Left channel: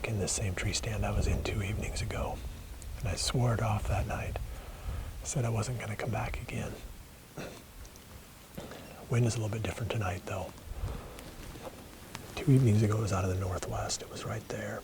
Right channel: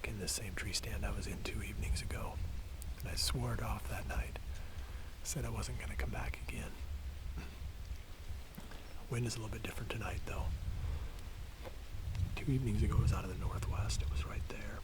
back in this same tree stand I was in 2 evenings ago. And I swore it off that night. I said I wasn't going to come back again. Wind is a little bit different tonight, though. 2 evenings ago, it was out of the northwest. It was right there.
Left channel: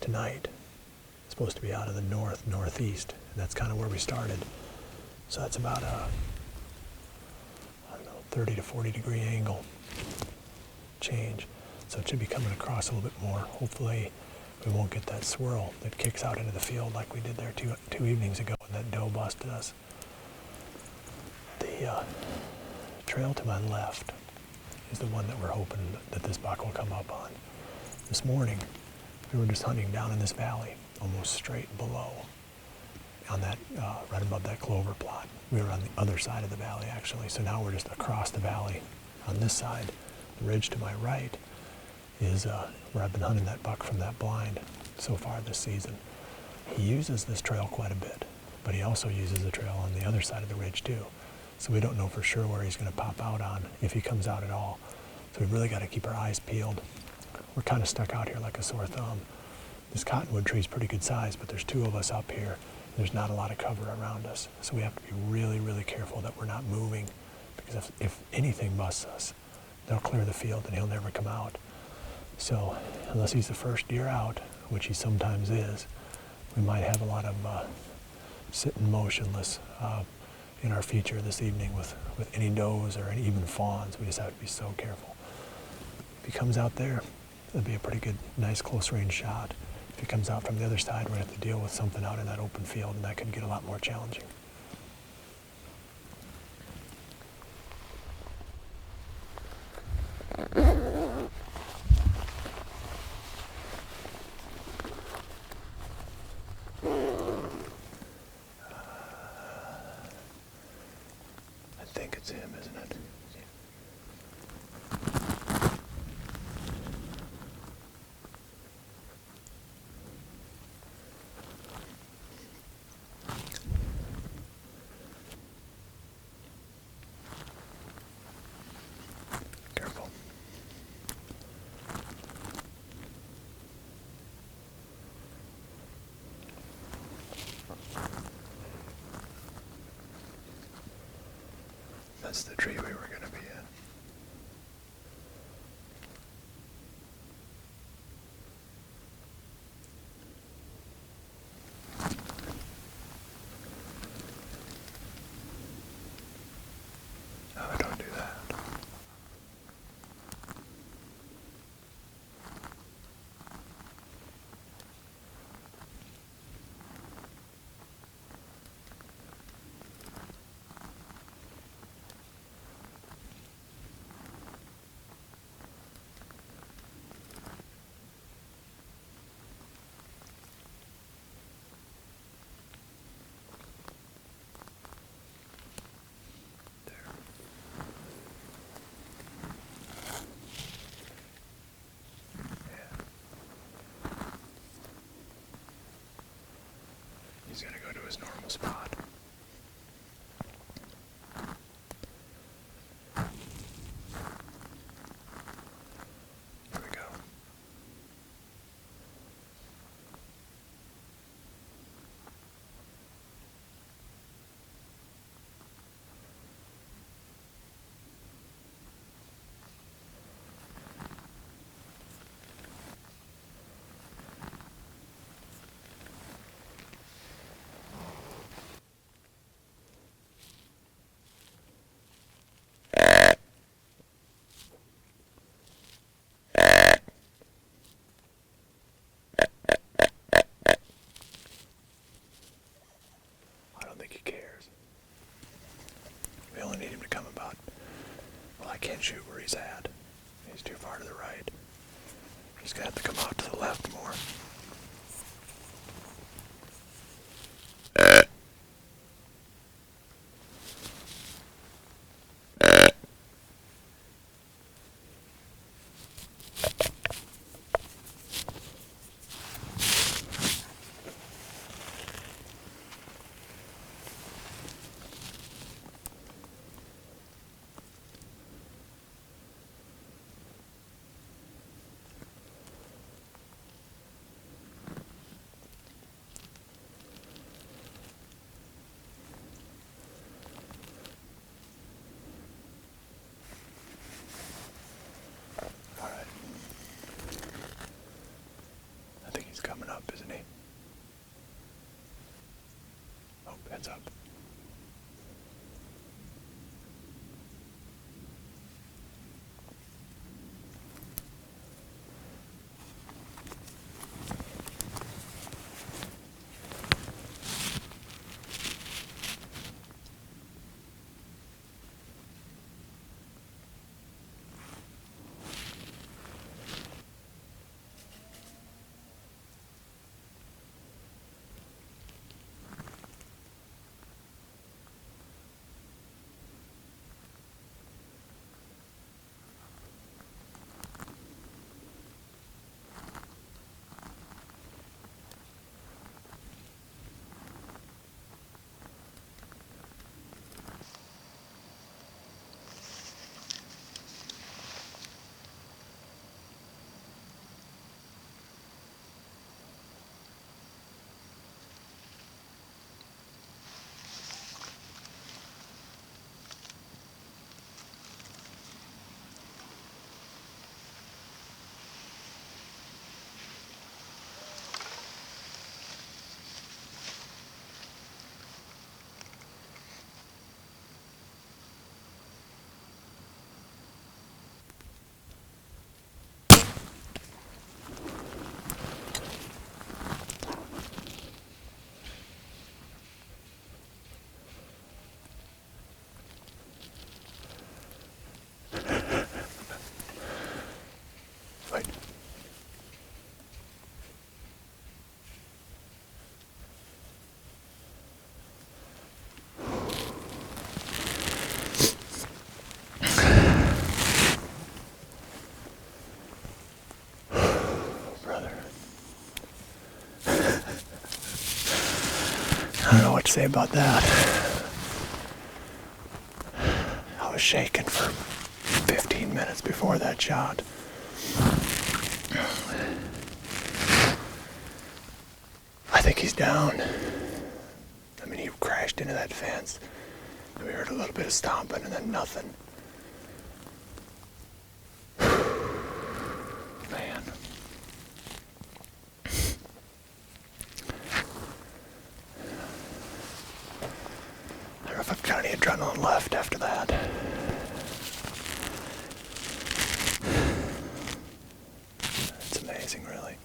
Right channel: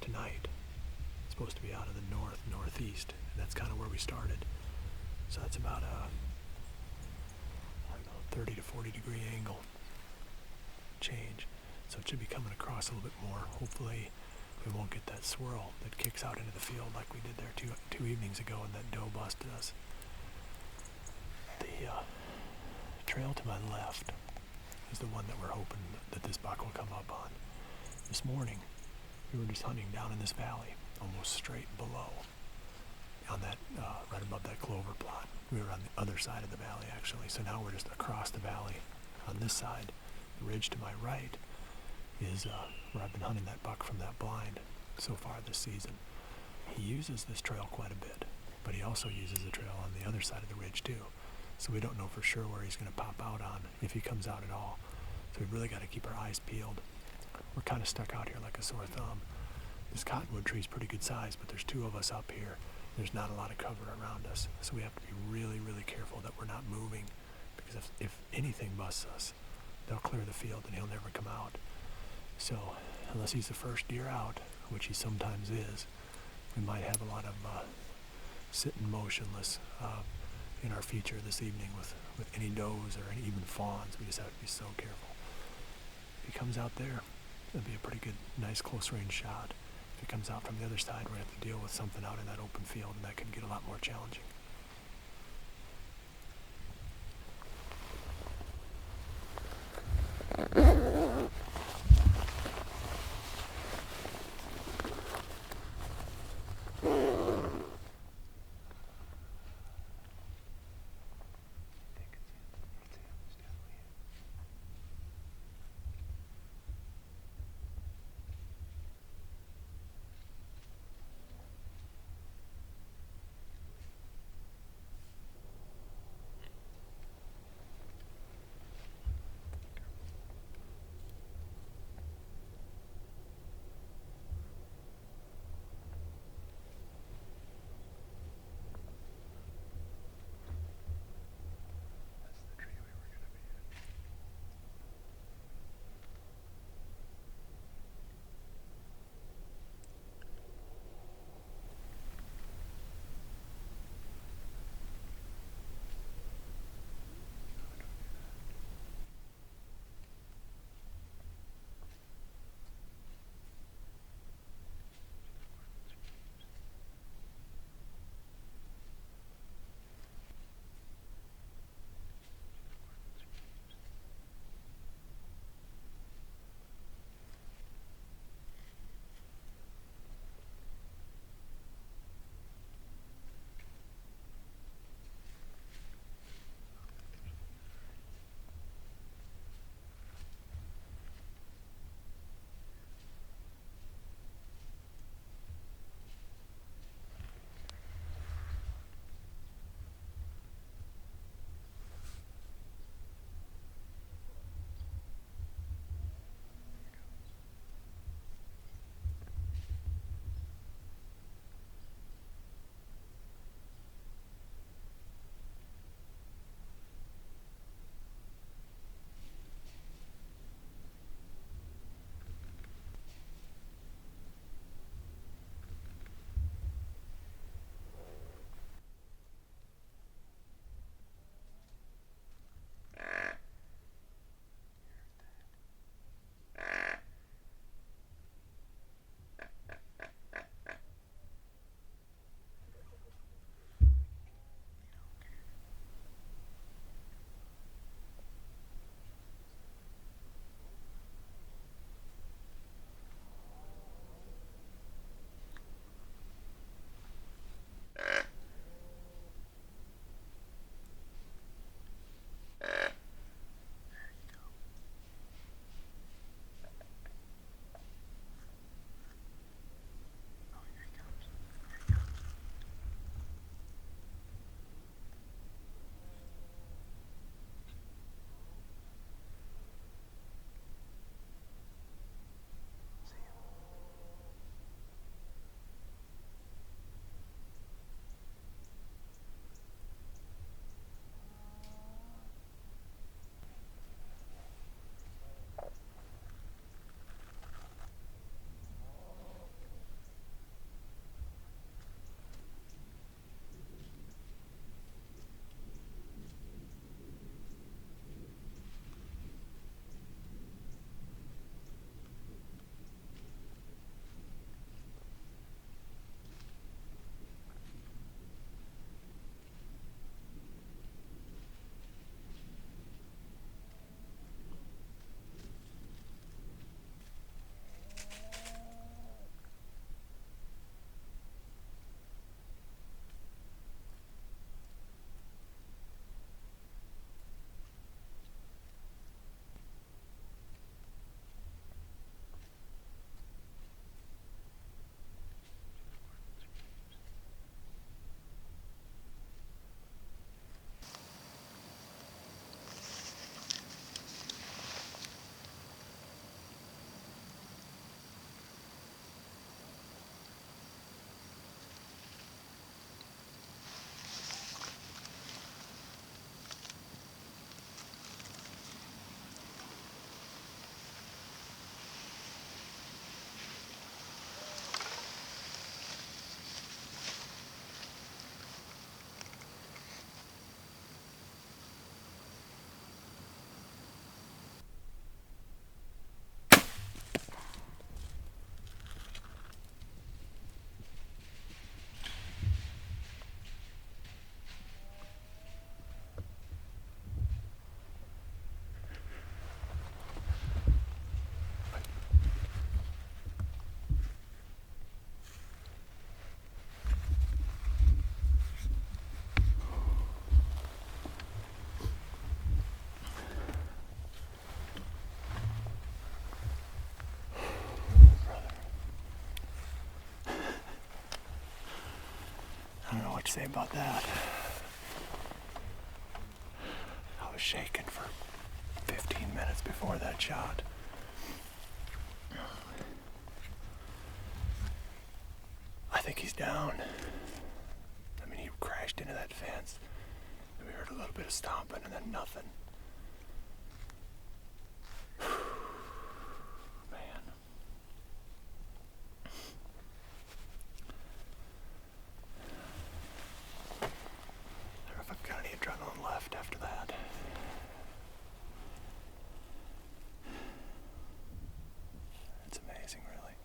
Tonight, it's supposed to be out of the northeast, and that's kind of where we started. So that's about a, 30 to 40 degree angle change. So it should be coming across a little bit more. Hopefully, we won't get that swirl that kicks out into the field like we did there two evenings ago when that doe busted us. The trail to my left is the one that we're hoping that this buck will come up on. This morning, we were just hunting down in this valley, almost straight below, on that, right above that clover plot. We were on the other side of the valley, actually, so now we're just across the valley on this side. The ridge to my right is where I've been hunting that buck from that blind so far this season. He uses this trail quite a bit, but he also uses the trail on the other side of the ridge too. So we don't know for sure where he's going to pop out on, if he comes out at all. So we've really got to keep our eyes peeled. We're kind of stuck out here like a sore thumb. This cottonwood tree is pretty good size, but there's two of us up here. There's not a lot of cover around us. So we have to be really, really careful that we're not moving, because if anything busts us, they'll clear the field and he'll never come out. So unless he's the first deer out, which he sometimes is, we might have a lot of sitting motionless in our future this evening with any does or any even fawns. We just have to be so careful. If he comes out there, it'll be a pretty good, nice close range shot. If he comes out from the other side, we're going to have to deal with something out in that open field, and that could get a lot more challenging. I think it's him, isn't it? Careful. That's the tree we were going to be in. No, don't do that. I don't know what to say about that. I was shaking for 15 minutes before that shot. I think he's down. I mean, he crashed into that fence. And we heard a little bit of stomping and then nothing. Man. I don't know if I've got any adrenaline left after that. It's amazing, really.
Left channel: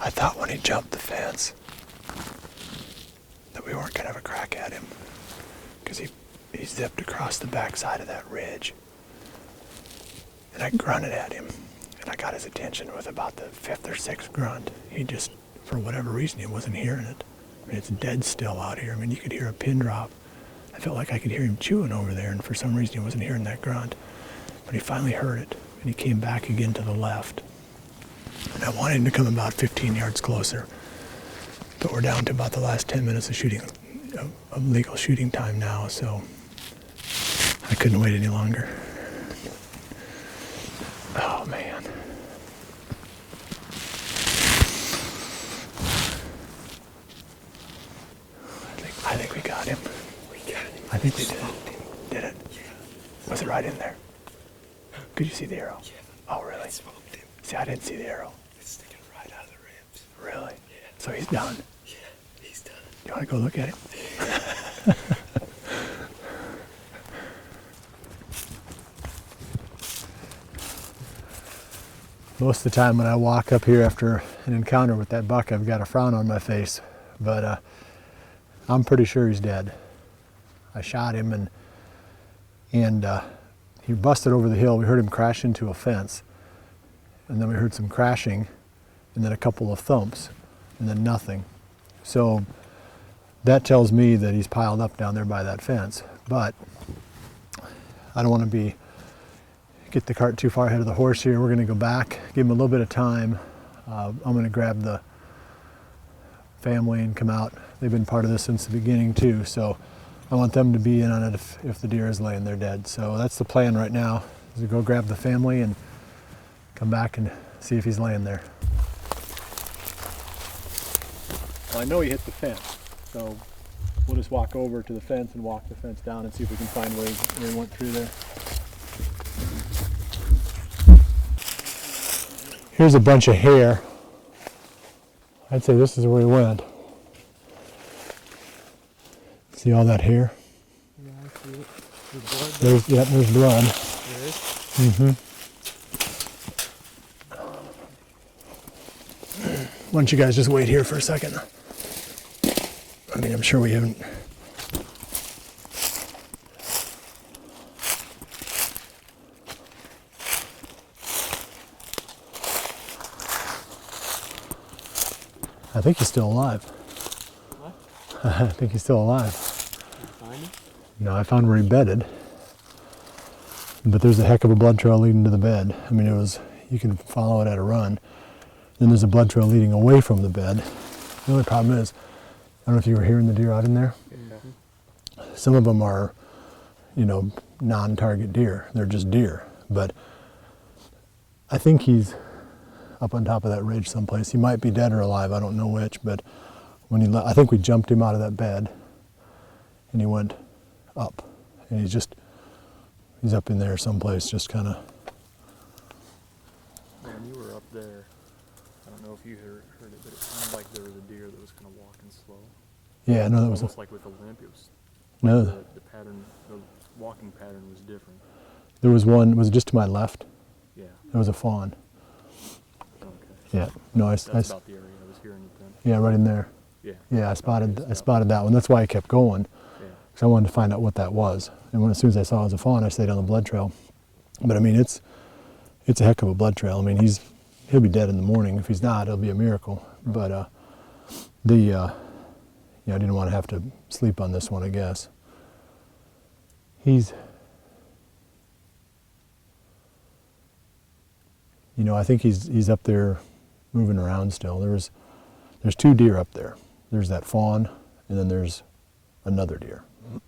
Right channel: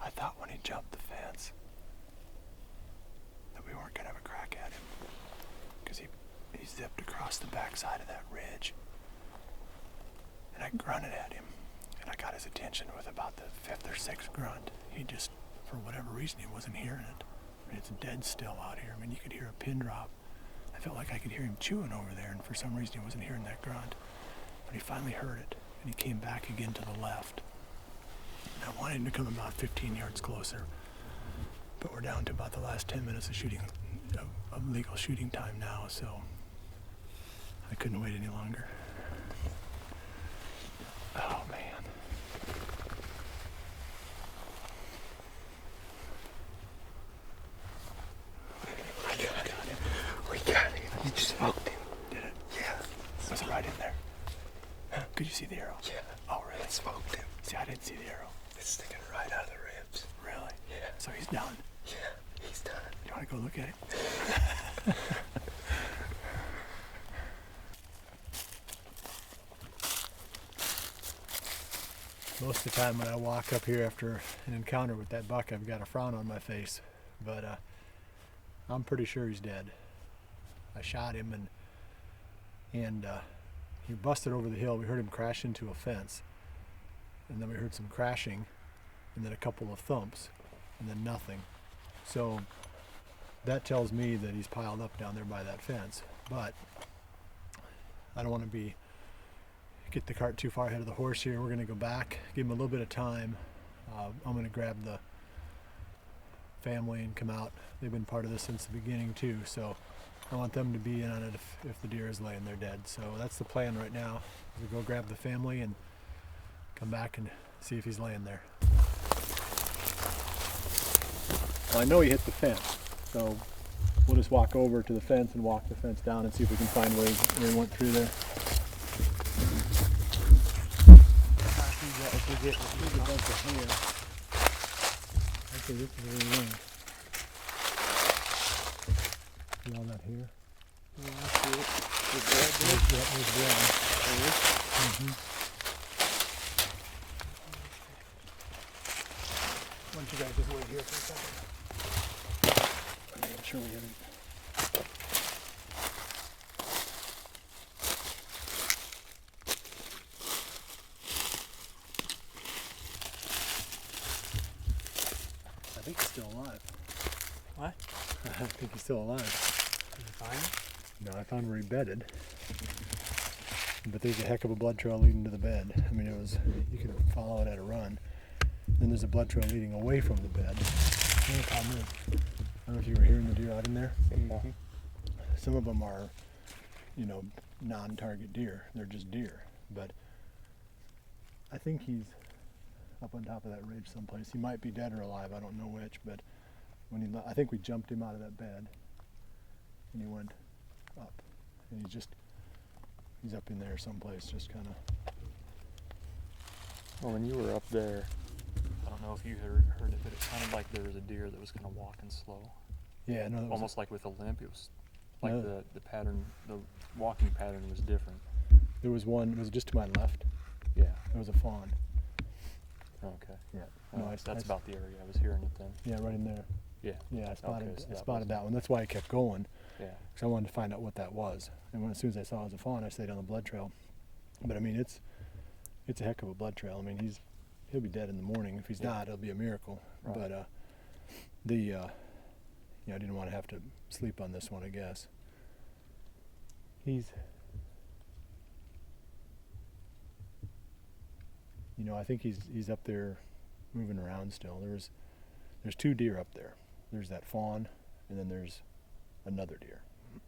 I thought when he jumped the fence that we weren't going to have a crack at him, because he zipped across the backside of that ridge. And I grunted at him, and I got his attention with about the 5th or 6th grunt. He just, for whatever reason, he wasn't hearing it. I mean, it's dead still out here. I mean, you could hear a pin drop. I felt like I could hear him chewing over there, and for some reason he wasn't hearing that grunt. But he finally heard it, and he came back again to the left. And I wanted him to come about 15 yards closer. But we're down to about the last 10 minutes of shooting, of legal shooting time now, so I couldn't wait any longer. Oh, man. I think we got him. We got him. I think we smoked him. Did it? Yeah. Was it right in there? Could you see the arrow? Yeah. Oh, really? It smoked him. See, I didn't see the arrow. It's sticking right out of the ribs. Really? Yeah. So he's done. Yeah, he's done. You want to go look at him? Most of the time when I walk up here after an encounter with that buck, I've got a frown on my face, but I'm pretty sure he's dead. I shot him and he busted over the hill. We heard him crash into a fence, and then we heard some crashing, and then a couple of thumps, and then nothing. So that tells me that he's piled up down there by that fence, but I don't want to get the cart too far ahead of the horse here. We're going to go back, give him a little bit of time. I'm going to grab the family and come out. They've been part of this since the beginning too, so I want them to be in on it if the deer is laying there dead. So that's the plan right now, is to go grab the family and come back and see if he's laying there. Well, I know he hit the fence, so we'll just walk over to the fence and walk the fence down and see if we can find where he went through there. Here's a bunch of hair. I'd say this is where he went. See all that hair? Yeah, I see it. There's blood. There's blood. Mm-hmm. Why don't you guys just wait here for a second? I mean, I'm sure we haven't. I think he's still alive. What? I think he's still alive. Can you find him? No, I found where he bedded. But there's a heck of a blood trail leading to the bed. I mean, you can follow it at a run. Then there's a blood trail leading away from the bed. The only problem is, I don't know if you were hearing the deer out in there. Yeah. Some of them are, non-target deer. They're just deer. But I think he's up on top of that ridge someplace. He might be dead or alive, I don't know which, but I think we jumped him out of that bed and he went up. And he's up in there someplace, just kind of. When you were up there, I don't know if you heard it, but it sounded like there was a deer that was kind of walking slow. Yeah, no, that was almost like with a limp. It was no. The pattern, the walking pattern was different. There was one. Was it just to my left? Yeah. It was a fawn. Okay. Yeah. No, That's about the area I was hearing it then. Yeah, right in there. Yeah. Yeah, I spotted that one. That's why I kept going, Yeah. because I wanted to find out what that was. And as soon as I saw it was a fawn, I stayed on the blood trail. But I mean, it's a heck of a blood trail. I mean, he'll be dead in the morning. If he's not, it'll be a miracle. Right. But I didn't want to have to sleep on this one, I guess. I think he's up there moving around still. There's two deer up there. there's that fawn, and then there's another deer.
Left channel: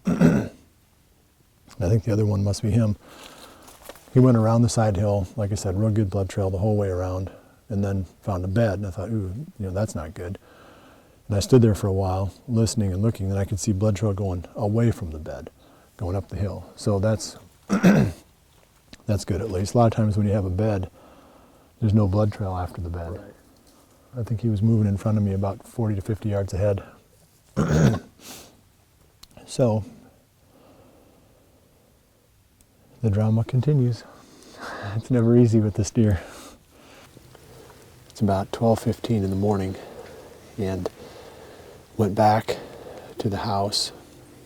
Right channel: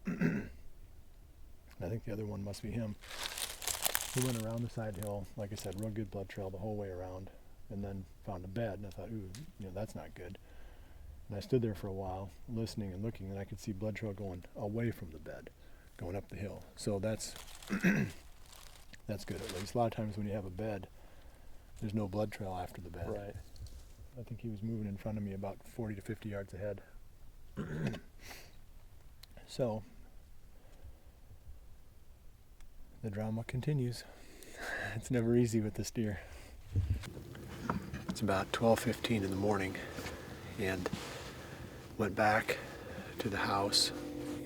I think the other one must be him. He went around the side hill, like I said, real good blood trail the whole way around, and then found a bed, and I thought, ooh, that's not good. And I stood there for a while, listening and looking, and I could see blood trail going away from the bed, going up the hill. So that's that's good at least. A lot of times when you have a bed, there's no blood trail after the bed. Right. I think he was moving in front of me about 40 to 50 yards ahead. So the drama continues. It's never easy with this deer. It's about 12:15 in the morning, and went back to the house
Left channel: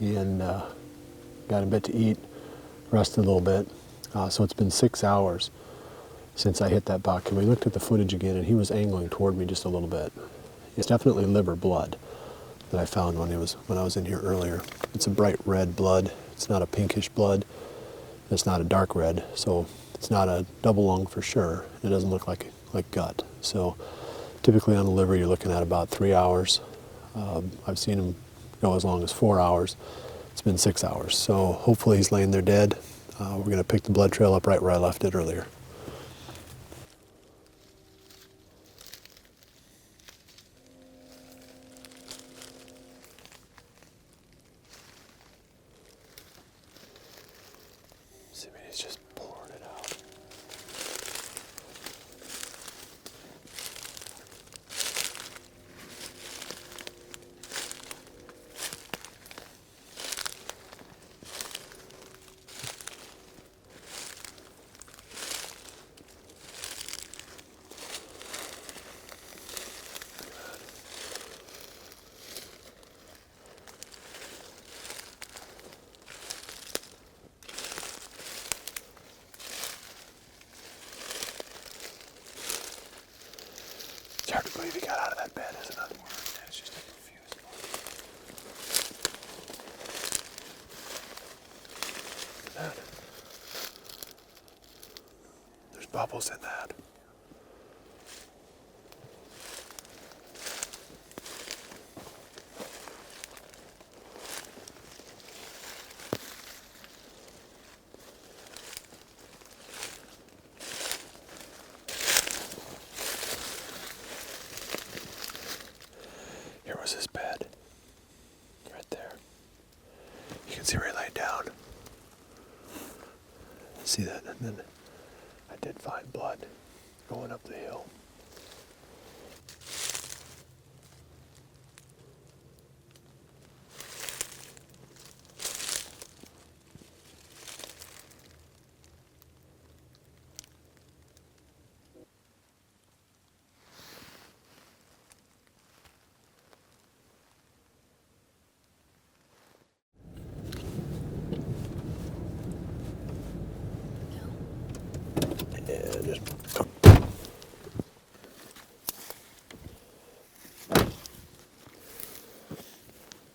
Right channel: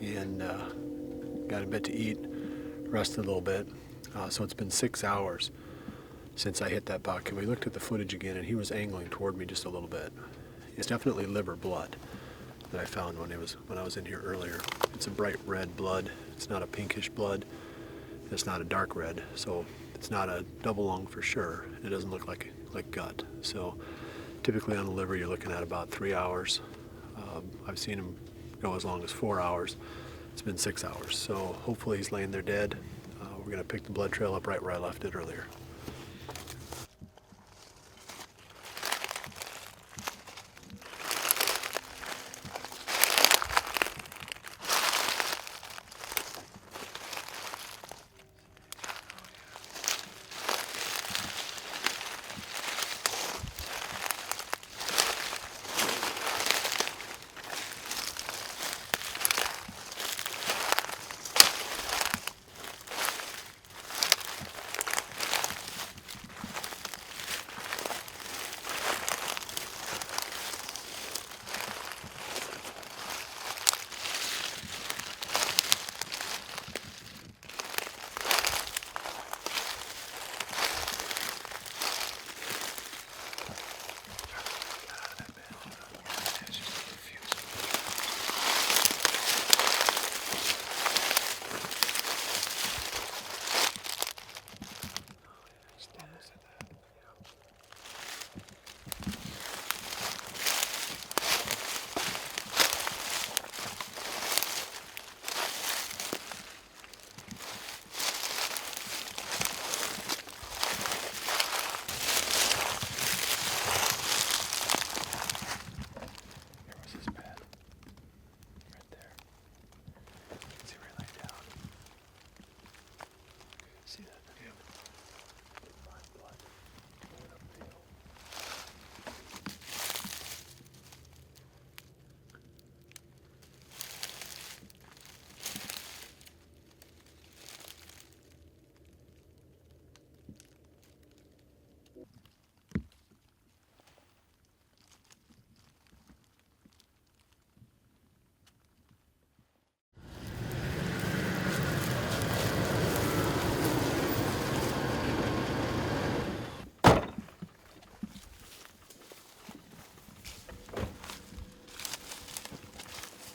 and got a bit to eat, rested a little bit. So it's been 6 hours since I hit that buck, and we looked at the footage again, and he was angling toward me just a little bit. It's definitely liver blood that I found when I was in here earlier. It's a bright red blood. It's not a pinkish blood. It's not a dark red, so it's not a double lung for sure. It doesn't look like gut. So typically on a liver, you're looking at about 3 hours. I've seen him go as long as 4 hours. It's been 6 hours. So hopefully he's laying there dead. We're going to pick the blood trail up right where I left it earlier. It's hard to believe he got out of that bed, isn't it? It's just confused. There's bubbles in that. Here was his bed. Right there. You can see where he laid down. See that? And then I did find blood going up the hill.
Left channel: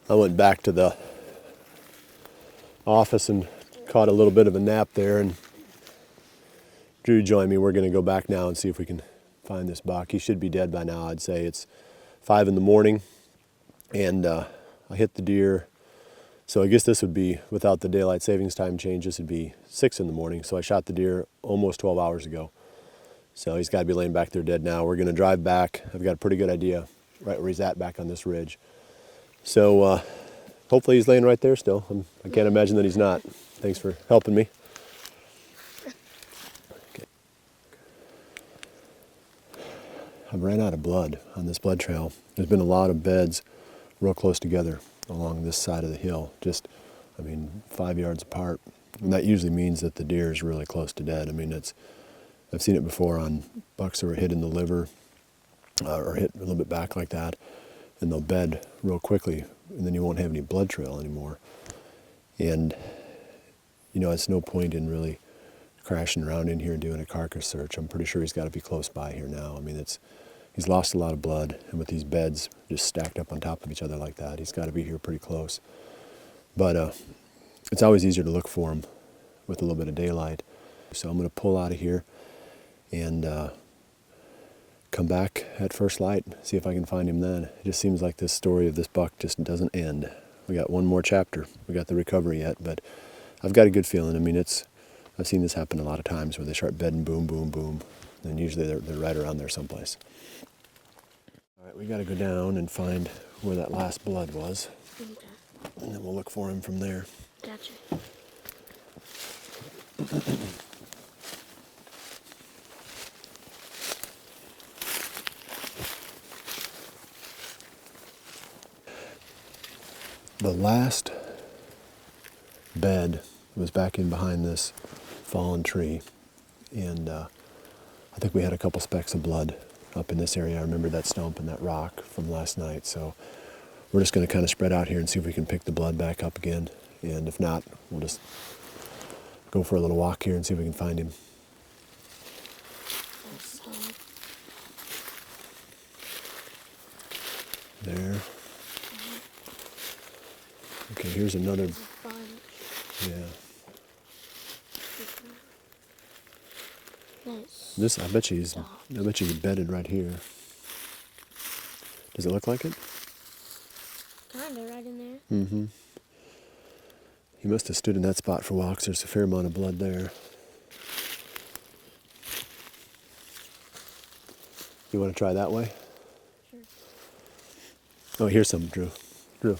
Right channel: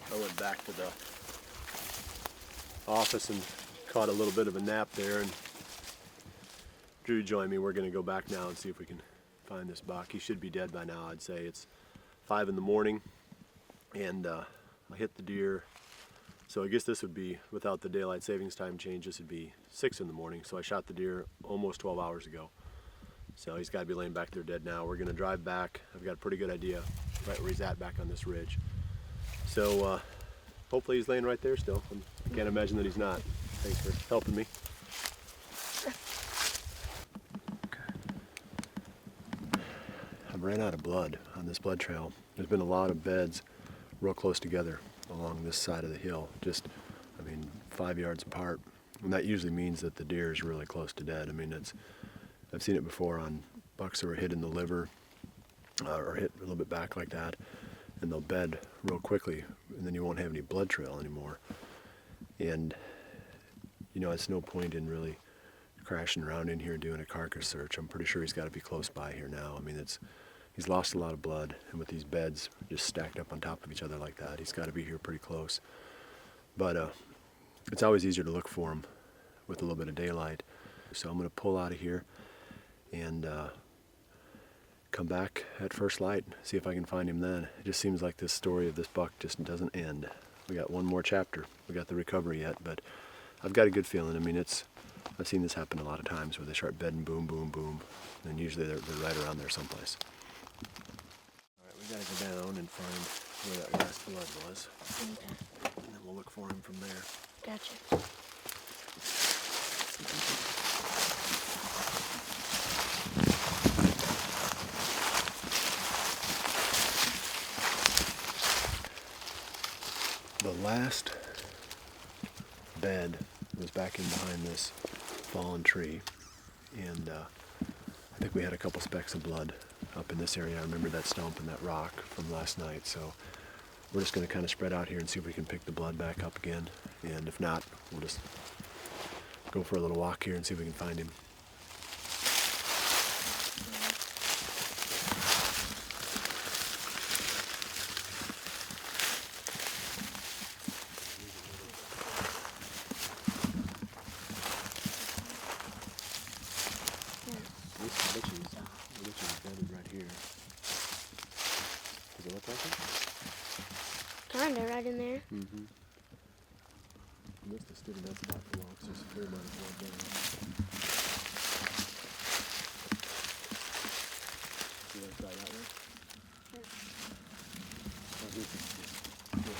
I went back to the office and caught a little bit of a nap there, and Drew joined me. We're going to go back now and see if we can find this buck. He should be dead by now, I'd say. It's 5 in the morning, and I hit the deer. So I guess this would be, without the daylight savings time change, this would be 6 in the morning. So I shot the deer almost 12 hours ago. So he's got to be laying back there dead now. We're going to drive back. I've got a pretty good idea right where he's at back on this ridge. So hopefully he's laying right there still. I can't imagine that he's not. Thanks for helping me. I've ran out of blood on this blood trail. There's been a lot of beds real close together along this side of the hill. Just, 5 yards apart. And that usually means that the deer is really close to dead. I've seen it before on bucks that were hit in the liver or hit a little bit back like that, and they'll bed real quickly, and then you won't have any blood trail anymore. And it's no point in really crashing around in here doing a carcass search. I'm pretty sure he's got to be close by here now. He's lost a lot of blood, and with these beds just stacked up on top of each other like that, he's got to be here pretty close. But it's always easier to look for him with a little bit of daylight. So I'm going to pull out of here and come back at first light, see if I can find him then. It just seems like this story of this buck just doesn't end. We got one more chapter. We got the recovery yet, but I've got a good feeling. I mean, I've seen this happen a lot of times where they start bedding, boom, boom, boom, and usually they're right around there someplace. All right, we got to go down and find where that last blood was, and then we'll look for him from there. Gotcha. The last bed was back in behind this fallen tree, and I think we had a couple specks of blood up in this area. I remember that stump and that rock from last night, so we're just going to kind of spread out here and see if we can pick the blood back up again, and if not, we'll just go for a little walk here and see if we can find him. There. Okay, here's another. Yeah. This, I bet you he's bedded right here. Does it look like it? Kinda right in there. Mm-hmm. He must have stood in that spot for a while, 'cause there's a fair amount of blood there. You want to try that way? Sure. Oh, here's some, Drew. Drew.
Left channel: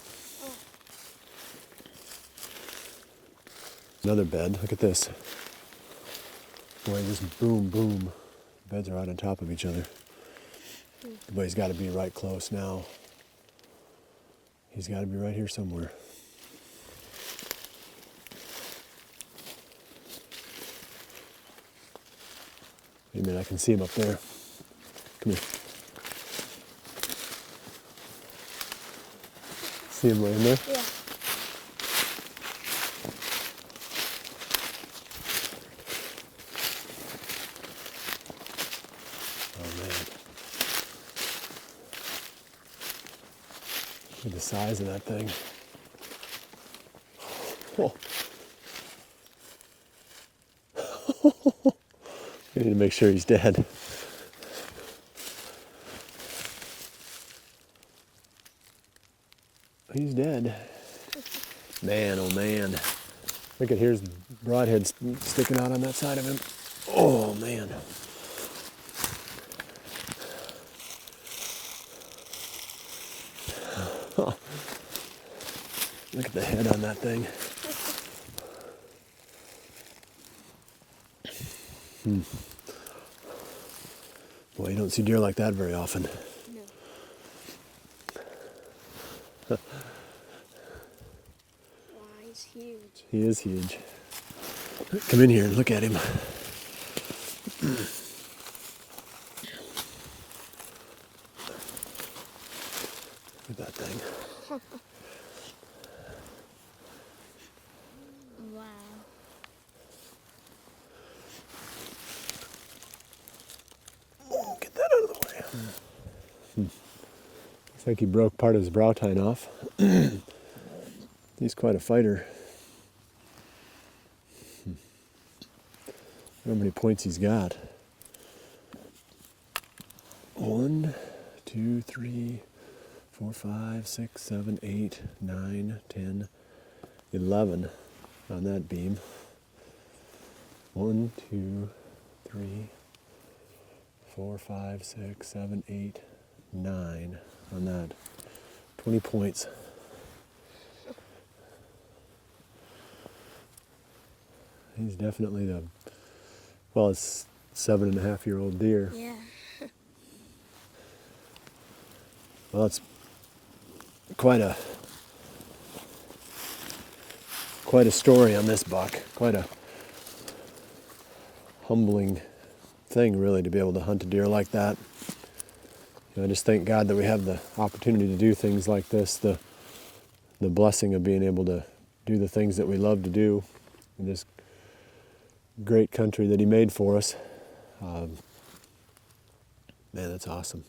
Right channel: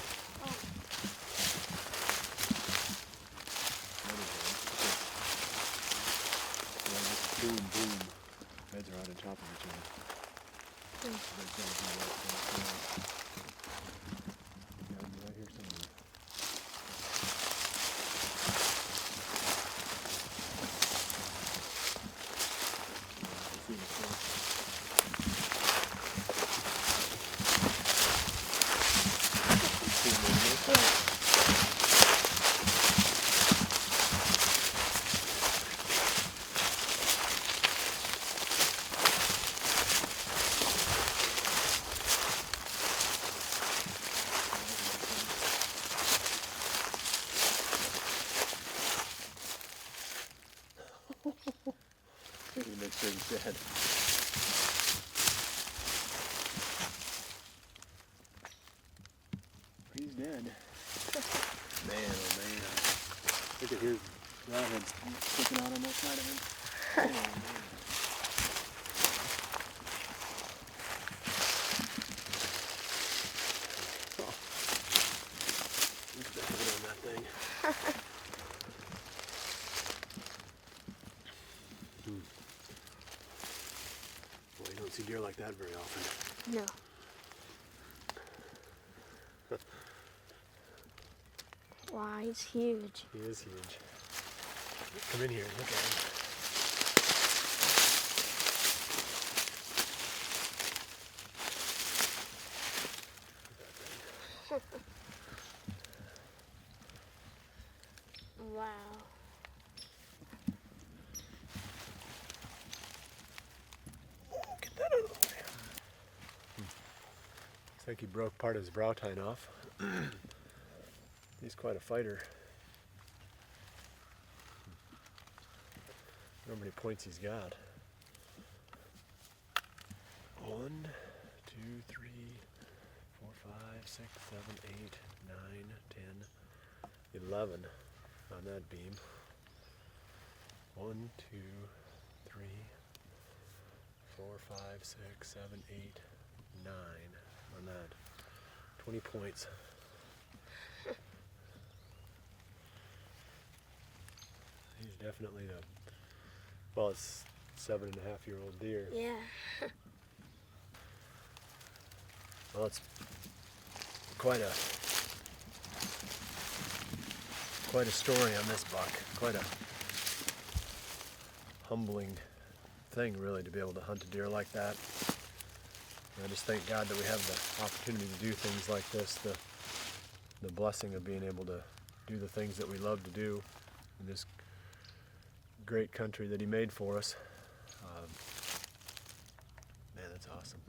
Another bed. Look at this. Boy, just boom, boom. Beds are right on top of each other. But he's got to be right close now. He's got to be right here somewhere. Maybe I can see him up there. Come here. See him right there? Look at the size of that thing. We need to make sure he's dead. He's dead. Man, oh man. Look at here's broadhead sticking out on that side of him. Oh man. Look at the head on that thing. Boy, you don't see deer like that very often. No. Wow, he's huge. He is huge. Come in here and look at him. Look at that thing. Wow. Get that out of the way. Looks like he broke part of his brow tine off. He's quite a fighter. I don't know how many points he's got. 1, 2, 3, 4, 5, 6, 7, 8, 9, 10, 11 on that beam. 1, 2, 3, 4, 5, 6, 7, 8, 9 on that. 20 points. He's definitely it's 7.5-year-old deer. Yeah. Well, that's quite a story on this buck. Quite a humbling thing, really, to be able to hunt a deer like that. And I just thank God that we have the opportunity to do things like this, the blessing of being able to do the things that we love to do in this great country that He made for us. Man, that's awesome.